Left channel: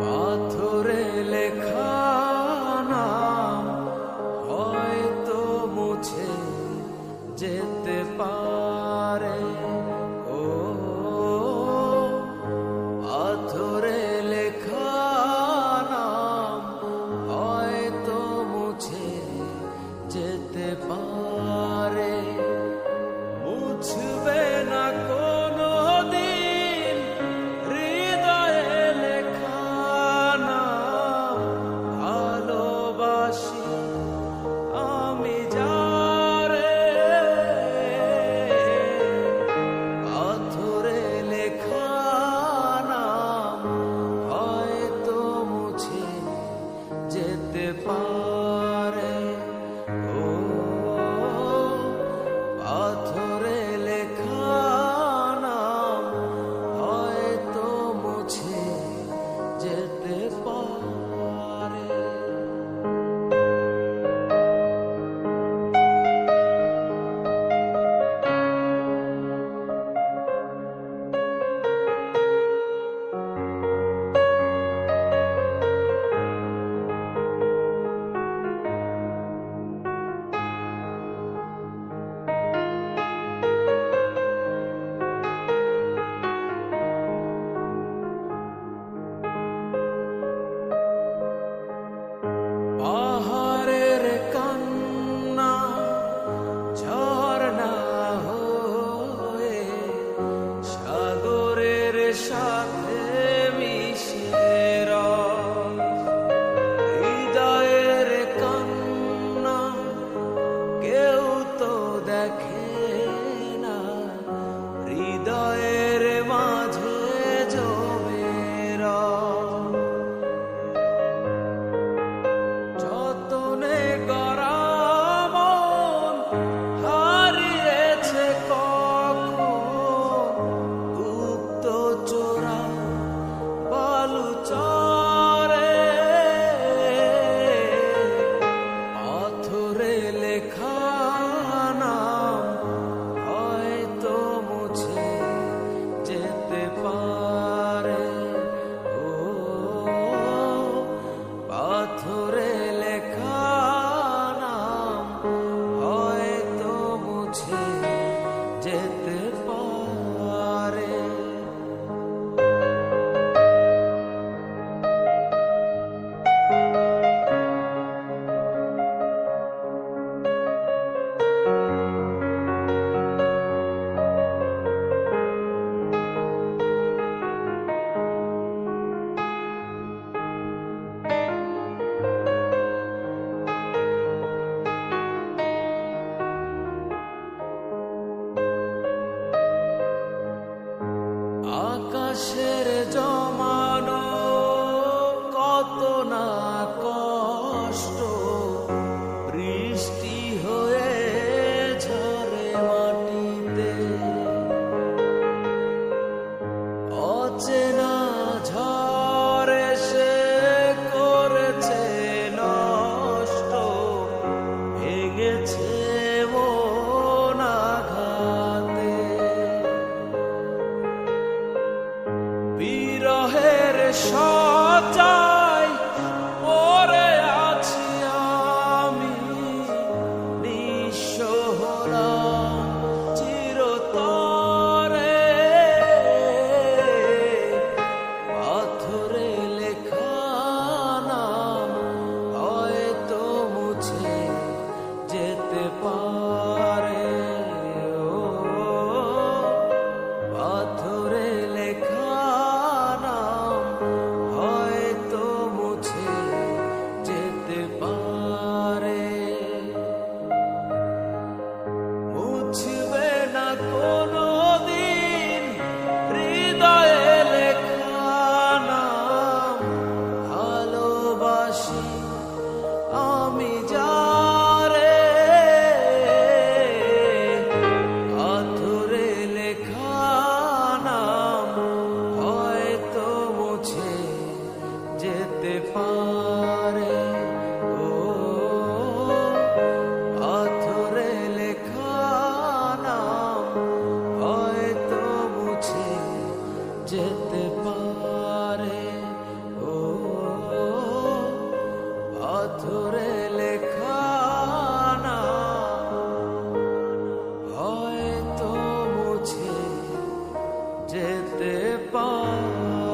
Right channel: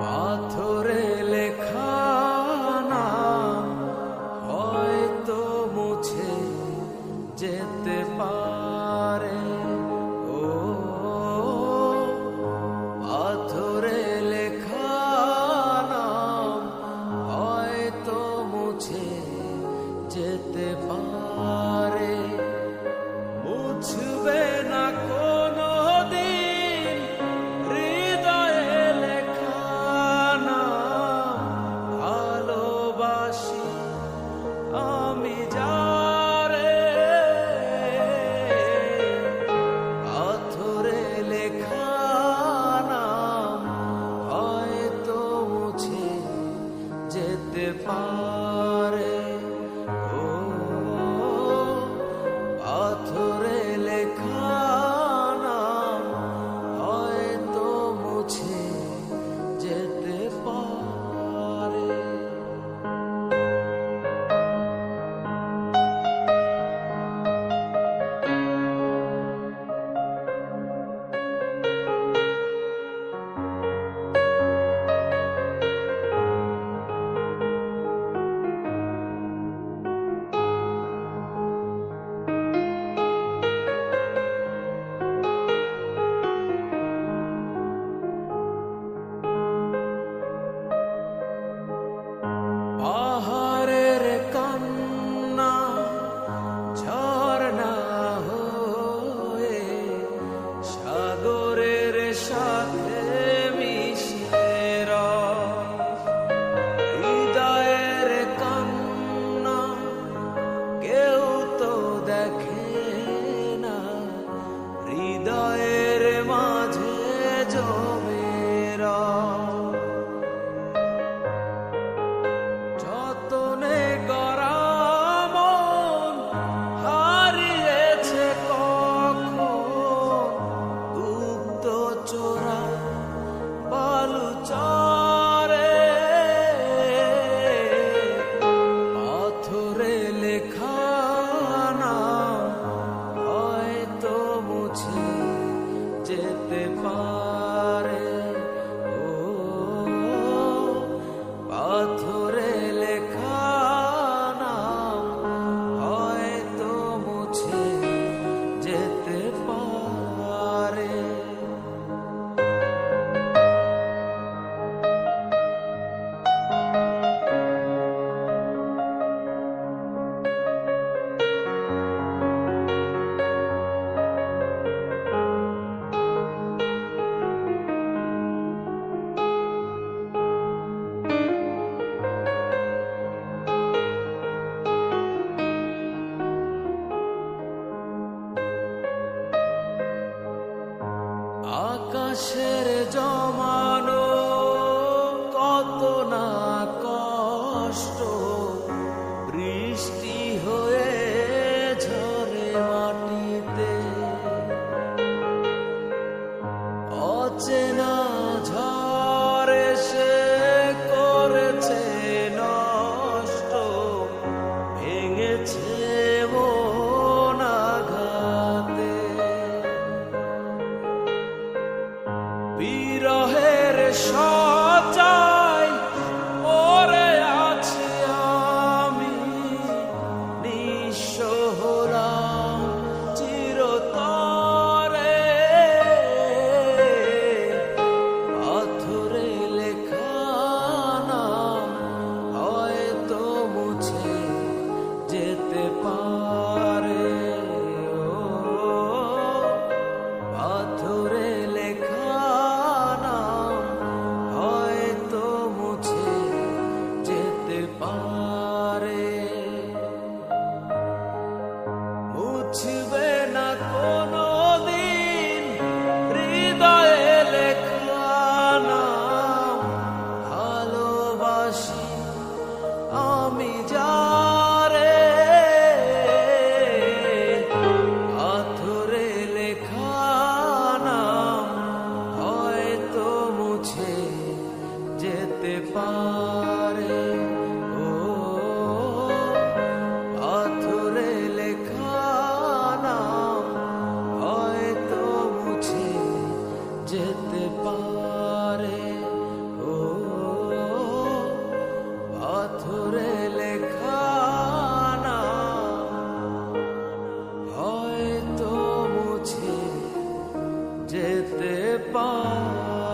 পাথরে লেখা নাম হয়তো মুছে যেতে পারে। ও পাথরে লেখা নাম হয়তো মুছে যেতে পারে। মুছবে না কোনো দিন হৃদয়ে লেখা নাম। ভালোবাসি আমি যারে, পাথরে লেখা নাম হয়তো মুছে যেতে পারে। ও পাথরে লেখা নাম হয়তো মুছে যেতে পারে। পাহাড়ের কান্না ঝরনা হয়ে সাগরের সাথে মিশে হৃদয়ের কান্না কেউ তো দেখে না, হৃদয়ের মাঝে জমে যতনে গড়া মন হারিয়েছে কখন গুপ্ত চোরা বালুচরে। পাথরে লেখা নাম হয়তো মুছে যেতে পারে। ও পাথরে লেখা নাম হয়তো মুছে যেতে পারে। আকাশের জমানো কত না কষ্ট বৃষ্টি হয়ে ঝরে মাটিতে। অচেনা ঝড়ে সে করেছে নষ্ট, ভেঙেছে মন আঘাতে। বিরহের সজায় পড়ে আছি আমি, নিঃস্ব হলাম চিরতরে। পাথরে লেখা নাম হয়তো মুছে যেতে পারে। ও পাথরে লেখা নাম হয়তো মুছে যেতে পারে। মুছবে না কোনো দিন হৃদয়ে লেখা নাম। ভালোবাসি আমি যারে, পাথরে লেখা নাম হয়তো মুছে যেতে পারে। ও পাথরে লেখা নাম হয়তো মুছে যেতে পারে। ও যেতে পারি।